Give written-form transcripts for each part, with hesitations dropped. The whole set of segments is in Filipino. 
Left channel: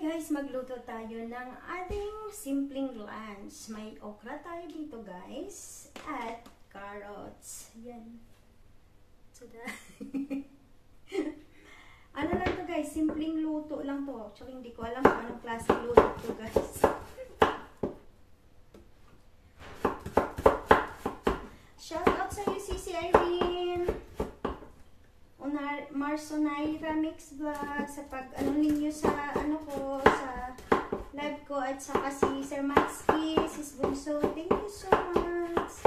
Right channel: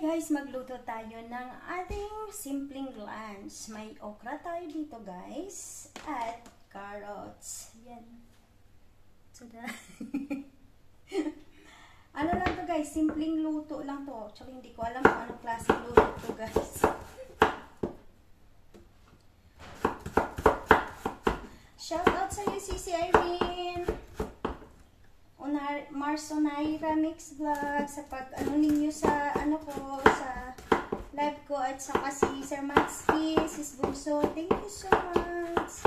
guys, magluto tayo ng ating simpleng lunch. May okra tayo dito guys. At carrots. Yan. Tada. Ano lang to guys, simpleng luto lang to. Actually, hindi ko alam kung anong klaseng luto to guys. Shout out sa iyo, Sisi Irene. Marsonaira Mix Vlog sa pag-anong ninyo sa ko sa live ko at saka si Sir Maxi, Sis Bunso, thank you so much.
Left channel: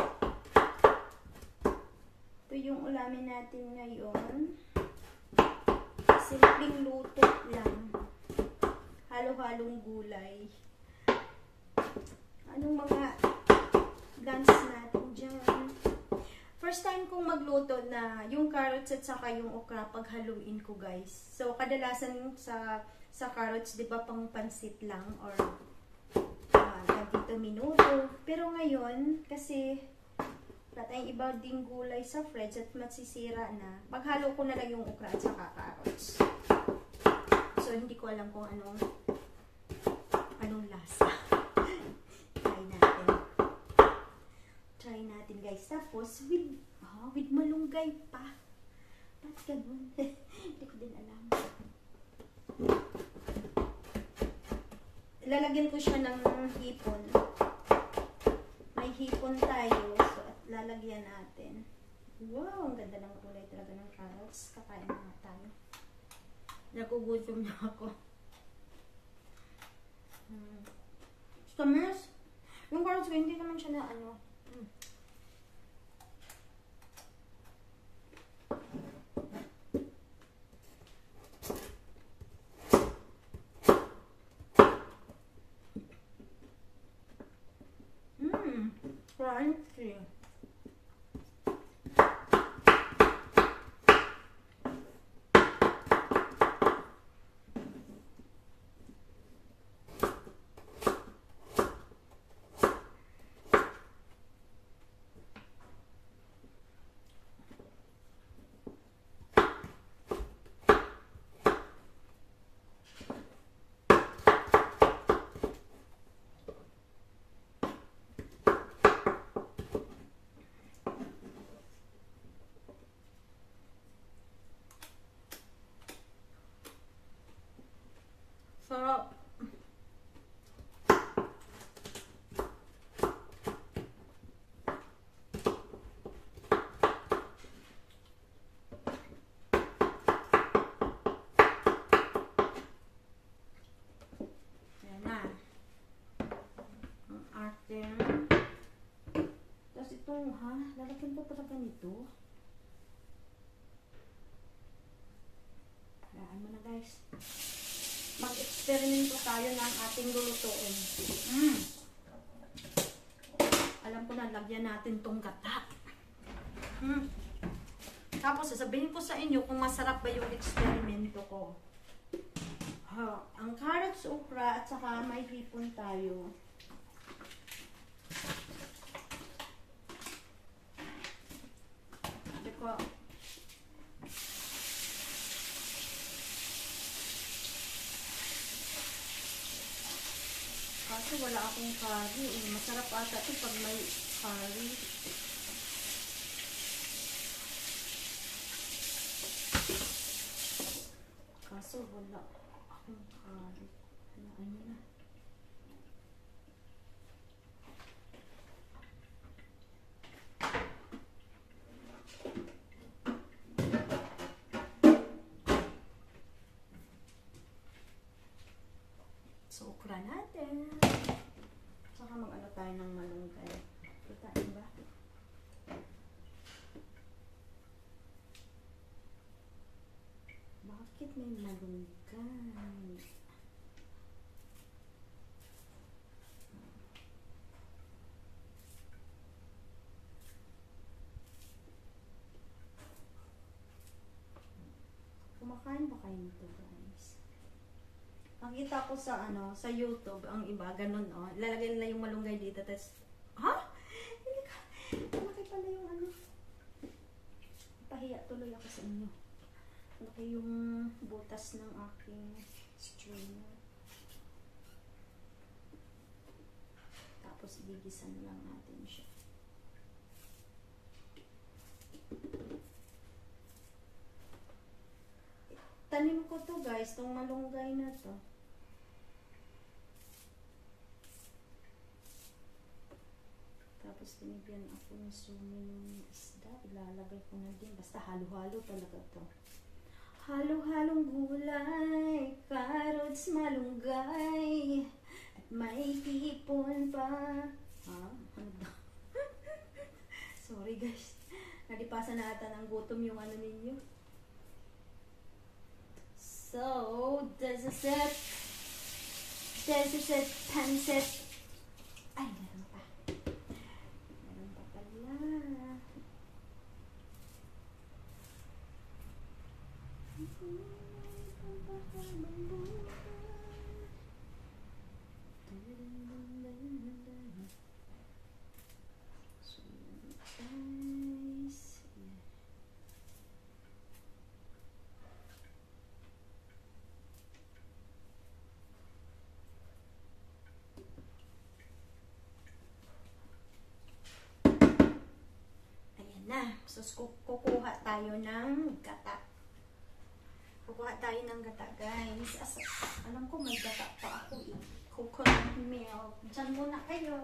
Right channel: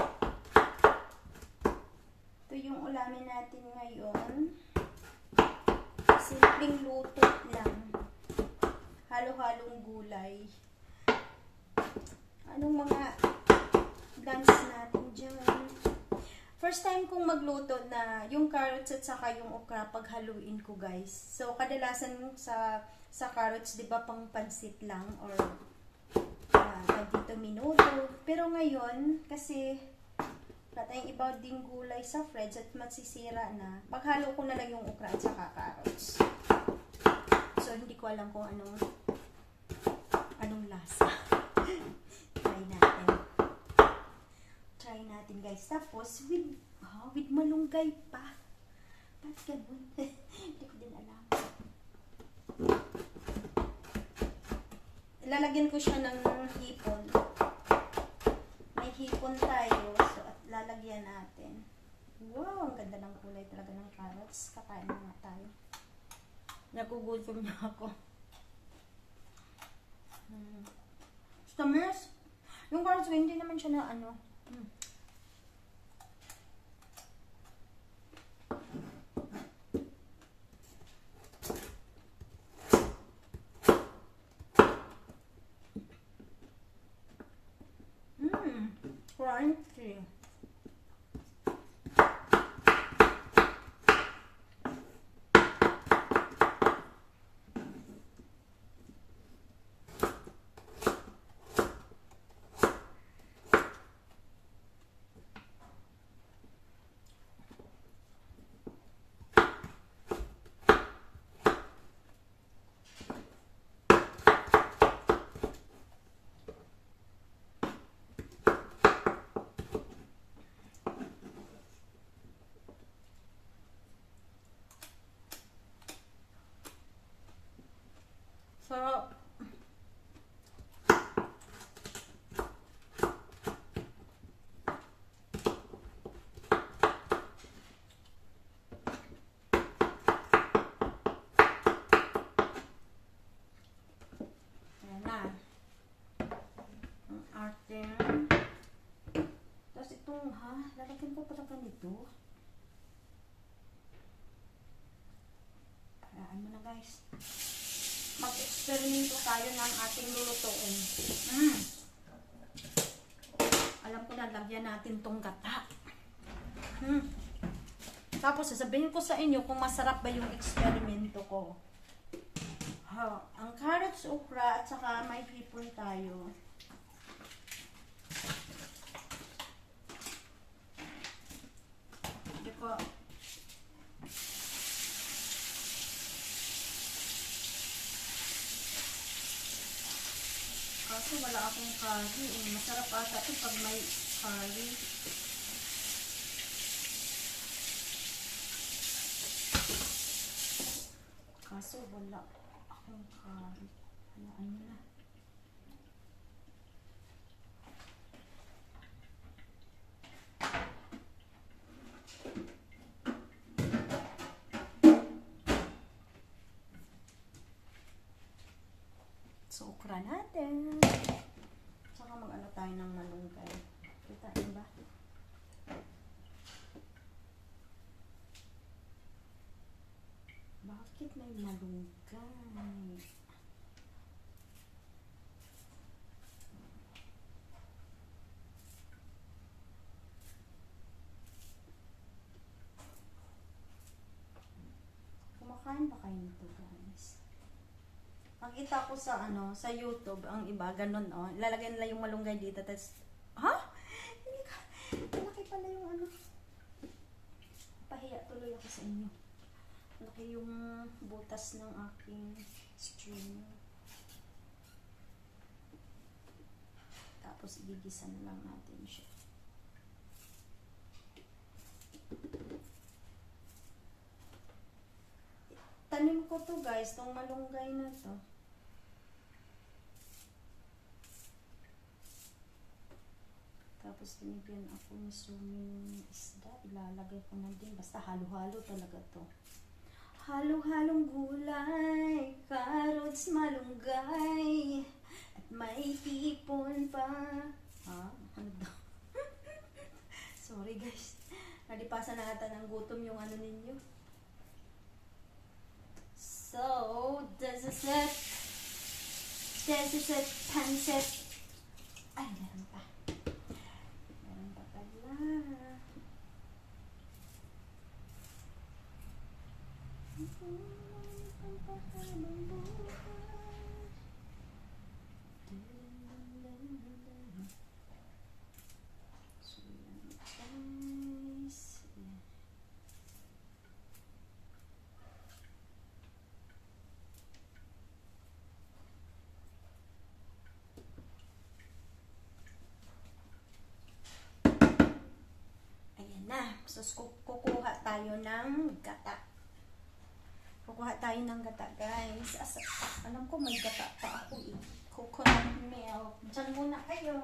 Ito yung ulamin natin ngayon. Simpleng luto lang. Halo-halong gulay. Anong mga lunch natin dyan? First time kong magluto na yung carrots at saka yung okra paghaluin ko guys. So kadalasan sa carrots, 'di ba, pang pansit lang or dito minuto. Pero ngayon kasi wala tayong iba ding gulay sa fridge at masisira na. Paghalo ko na lang yung okra at saka carrots. So hindi ko alam kung anong lasa. Try natin guys. Tapos with malunggay pa. Ba't ganun? Hindi ko din alam. Lalagyan ko siya ng hipon. May hipon tayo. So at lalagyan natin. Wow, ang ganda ng kulay talaga ng carrots. Kakain na nga tayo. Nagugutom na ako. Tamis. Yung carrots ko, hindi naman siya na crunchy. Sarap. Ayan na. Ang ating. Tapos itong, lalagyan ko pala ganito. Paraan mo na guys. Mag-experimento tayo ng ating lulutuin. Alam ko na, lagyan natin tong gata. Tapos, sasabihin ko sa inyo kung masarap ba yung eksperimento ko. Ang carrots, okra, at saka may hipon tayo. Diba? Kasi wala akong curry. Masarap ata ito pag may curry. Kaso wala akong curry. Halaan mo na. So, okra natin. Saka mag-ano tayo ng malunggay. Kitain ba? Bakit may malunggay? Kumakain ba kayo nito guys? Nakita ko sa sa YouTube, ang iba ganun ilalagay nila yung malunggay dito, tapos hindi ka malaki pala yung pahiya tuloy ako sa inyo. Malaki yung butas ng aking streamer. Tapos, ibigisan lang natin siya. Tanim ko to guys, tong malunggay na to. Tapos, tinibyan ako ni suming isda. Ilalagay ko na din. Basta halo-halo talaga to. Halo-halong gulay, carrots, malunggay, at may tipon pa. Ha? Ano daw? Sorry guys. Nalipasan na ata ng gutom yung ano ninyo. So, this is it. This is it. Pancit. Ay, meron pa. Meron pa pala. So, kukuha tayo ng gata. Kukuha tayo ng gata, guys. Alam ko may gata pa ako eh. Coconut milk. Diyan muna kayo.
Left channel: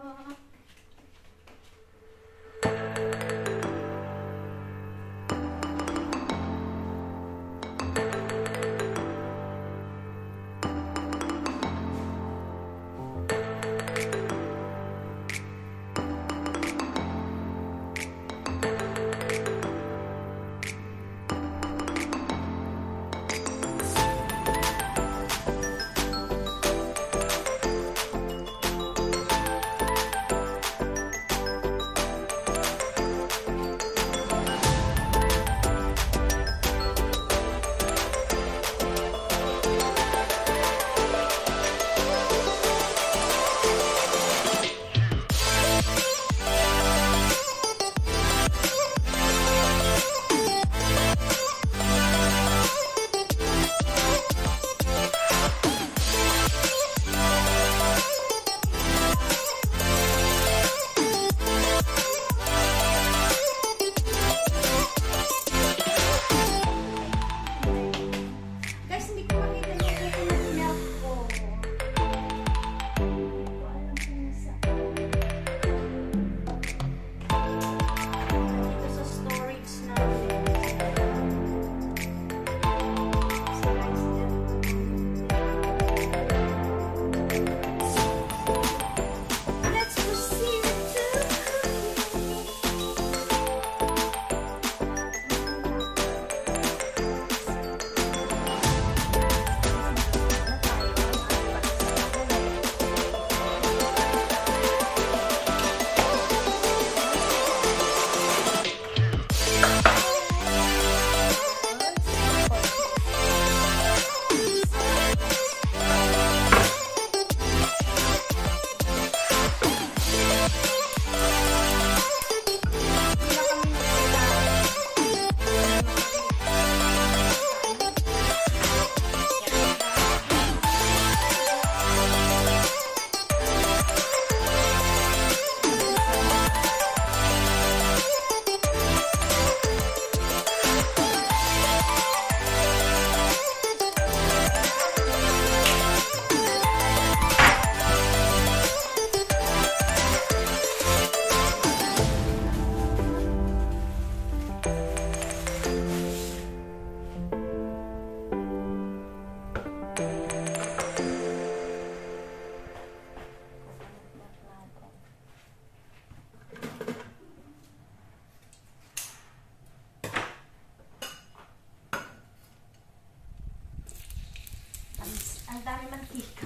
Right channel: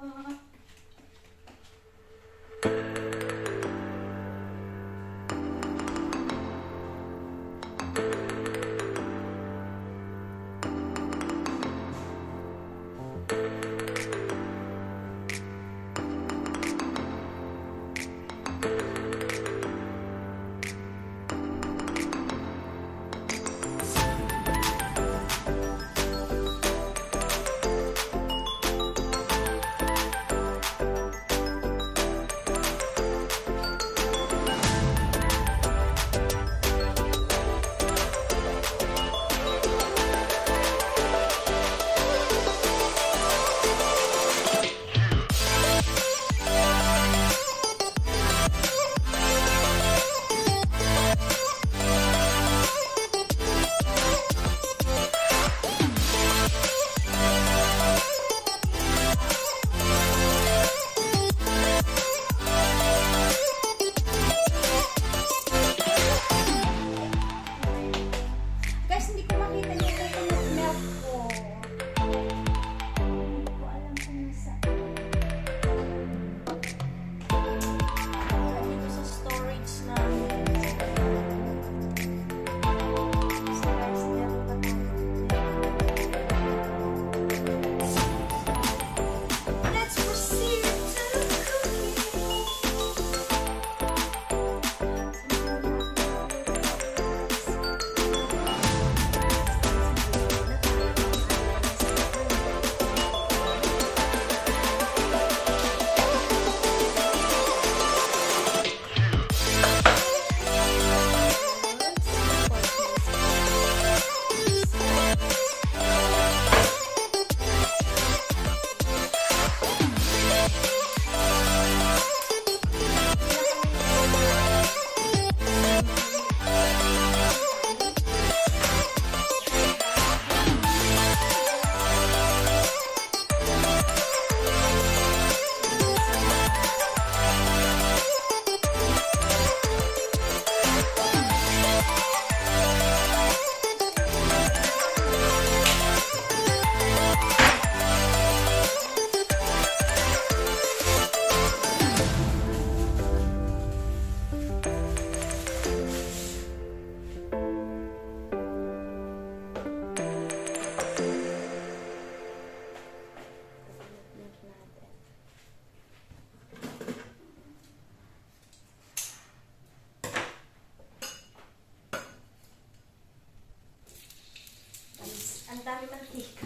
Ang dami mantika.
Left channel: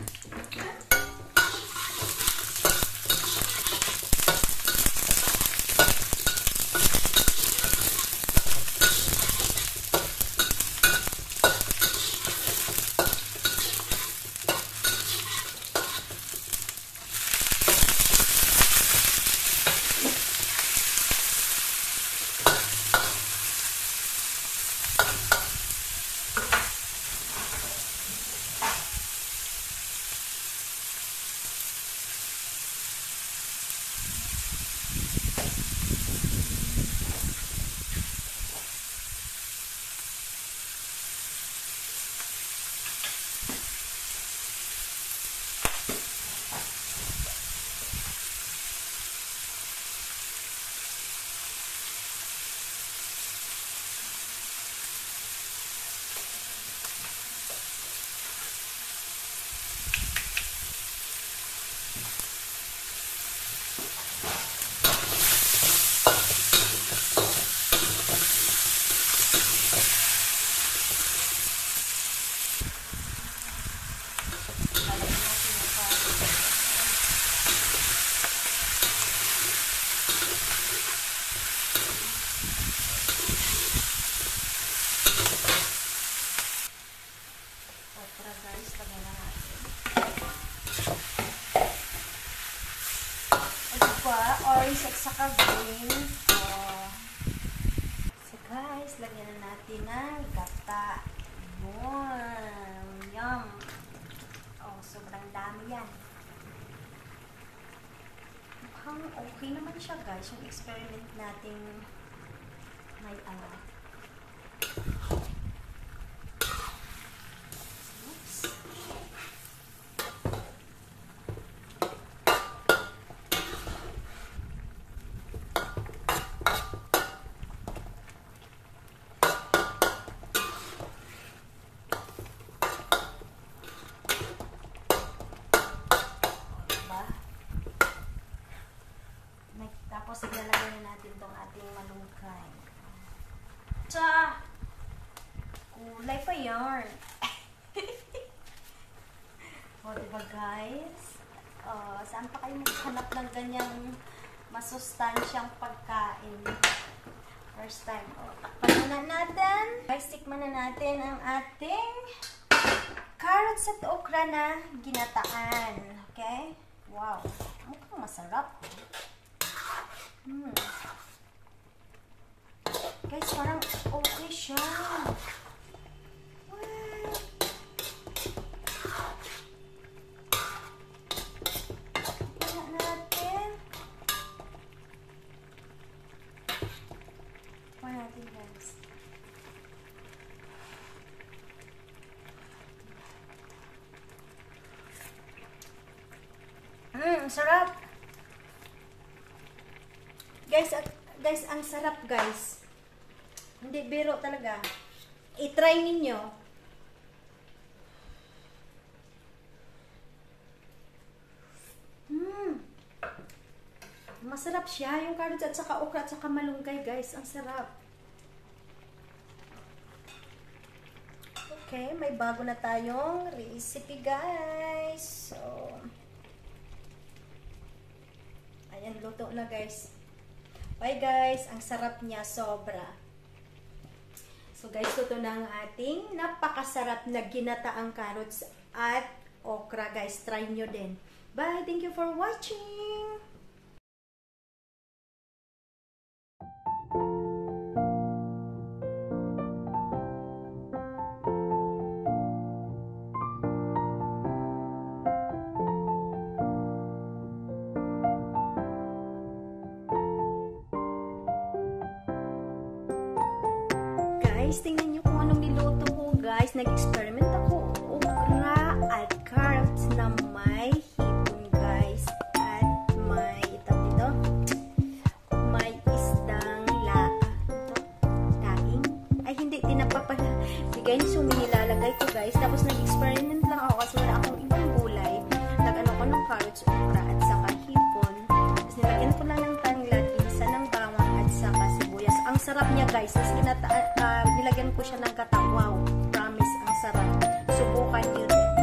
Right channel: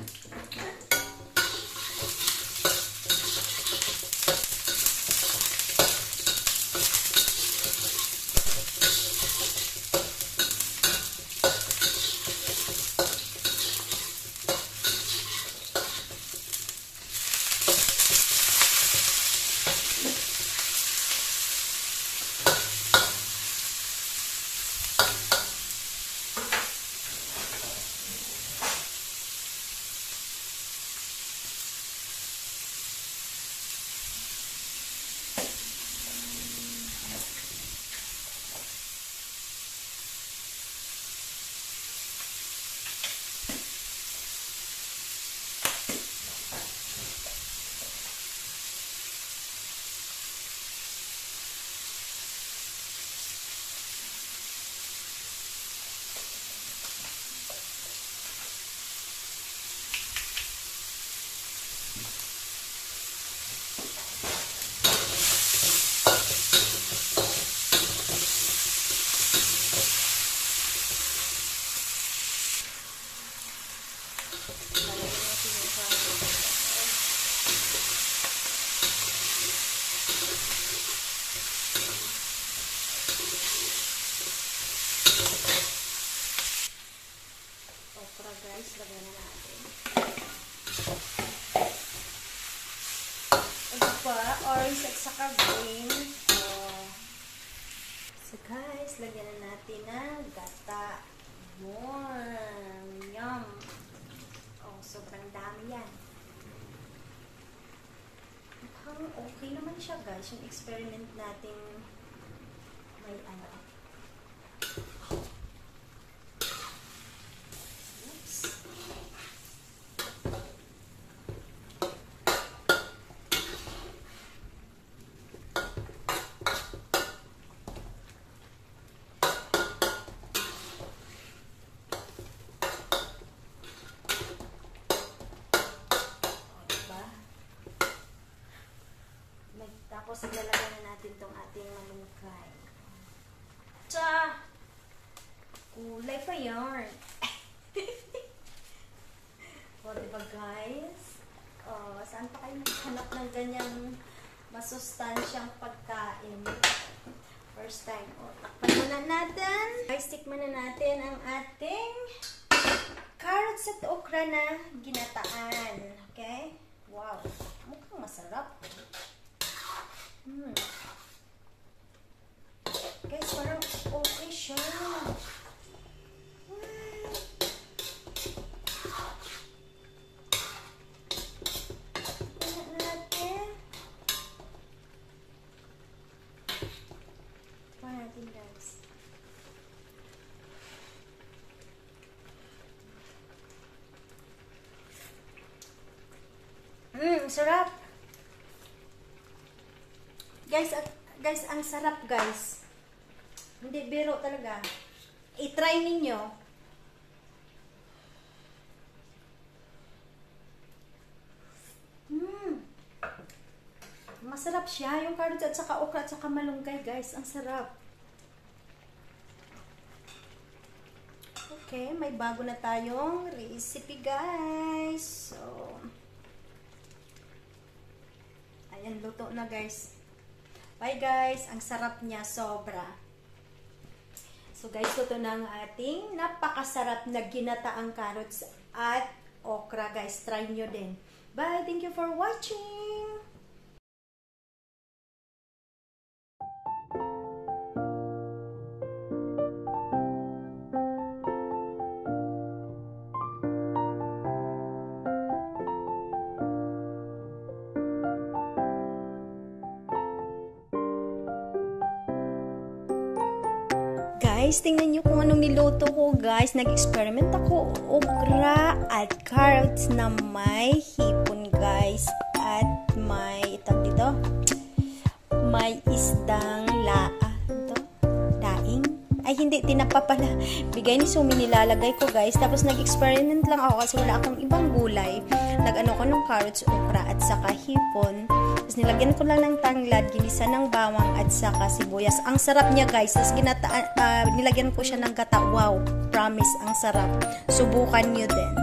Lalagyan natin yung carrots. Okra guys, lagyan na natin. O diba, orange at saka green. So guys, lagyan na natin ng gata. Yum! Oh, sobrang dami yan. Mukhang okay naman siya guys, yung experiment natin may alat. Tapos ilalagay na natin itong ating malunggay. Tsa! Kulay pa yarn. O, diba guys? Saan pa kayo maghanap ng ganyang masustansyang pagkain? First time. O, takpan muna natin. Guys, tikman na natin ang ating carrots at okra na ginataan. Okay? Wow. Mukhang masarap. Guys, parang okay siya. What? Tingnan natin. Tingnan natin, guys. Sarap. Guys, ang sarap guys. Hindi biro talaga. I-try ninyo. Masarap siya. Yung carrots at saka okra at saka malunggay guys. Ang sarap. Okay, may bago na tayong recipe guys. So, ayan, luto na guys. Bye guys, ang sarap niya, sobra. So guys, ito na ang ating napakasarap na ginataang carrots at okra guys. Try nyo din. Bye, thank you for watching! Guys, tingnan nyo kung anong niluto ko guys. Nag-experiment ako okra at carrots na may hipon guys. At may dito, may isdang daing. Ay hindi, tinapa pala. Bigay ni Sumi nilalagay ko guys. Tapos nag-experiment lang ako kasi wala akong ibang gulay. Nag-ano ko ng carrots, okra at saka hipon. Tapos nilagyan ko lang ng tanglad, ginisa ng bawang at saka sibuyas. Ang sarap niya guys. Tapos nilagyan ko siya ng gata. Wow, promise, ang sarap. Subukan nyo din.